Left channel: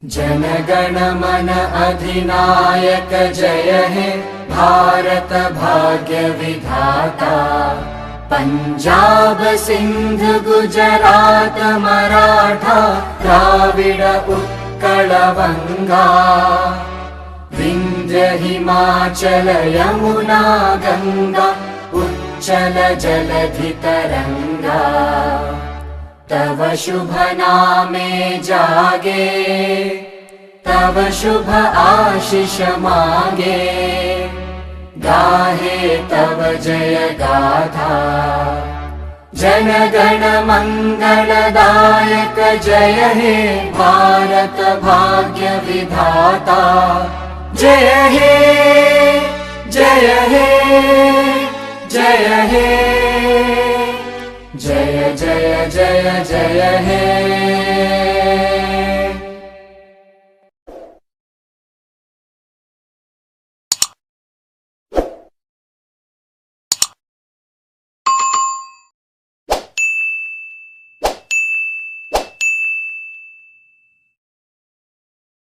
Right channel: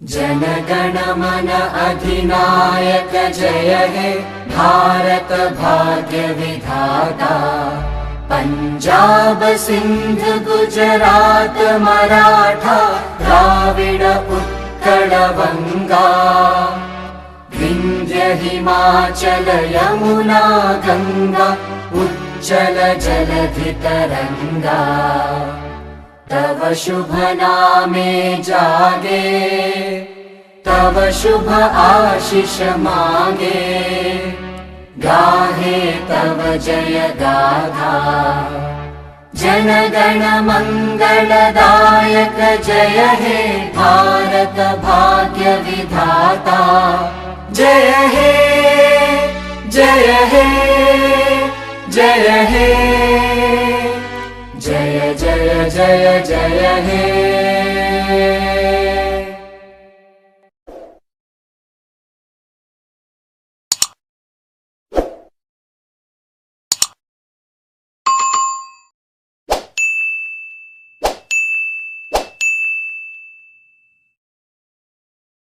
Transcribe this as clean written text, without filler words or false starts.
जनगण मन अधिनायक जय हे भारत भाग्य विधाता। पंजाब सिंध गुजरात मराठा द्राविड उत्कल बंगा। विंध्य हिमाचल यमुना गंगा उच्चल जलधि तरंगा। तव शुभ नामे जागे तव शुभ आशीष मागे। गाहे तव जय गाथा जन गण मंगलदायक जय हे भारत भाग्य विधाता। जय हे जय हे जय हे जय जय जय जय हे।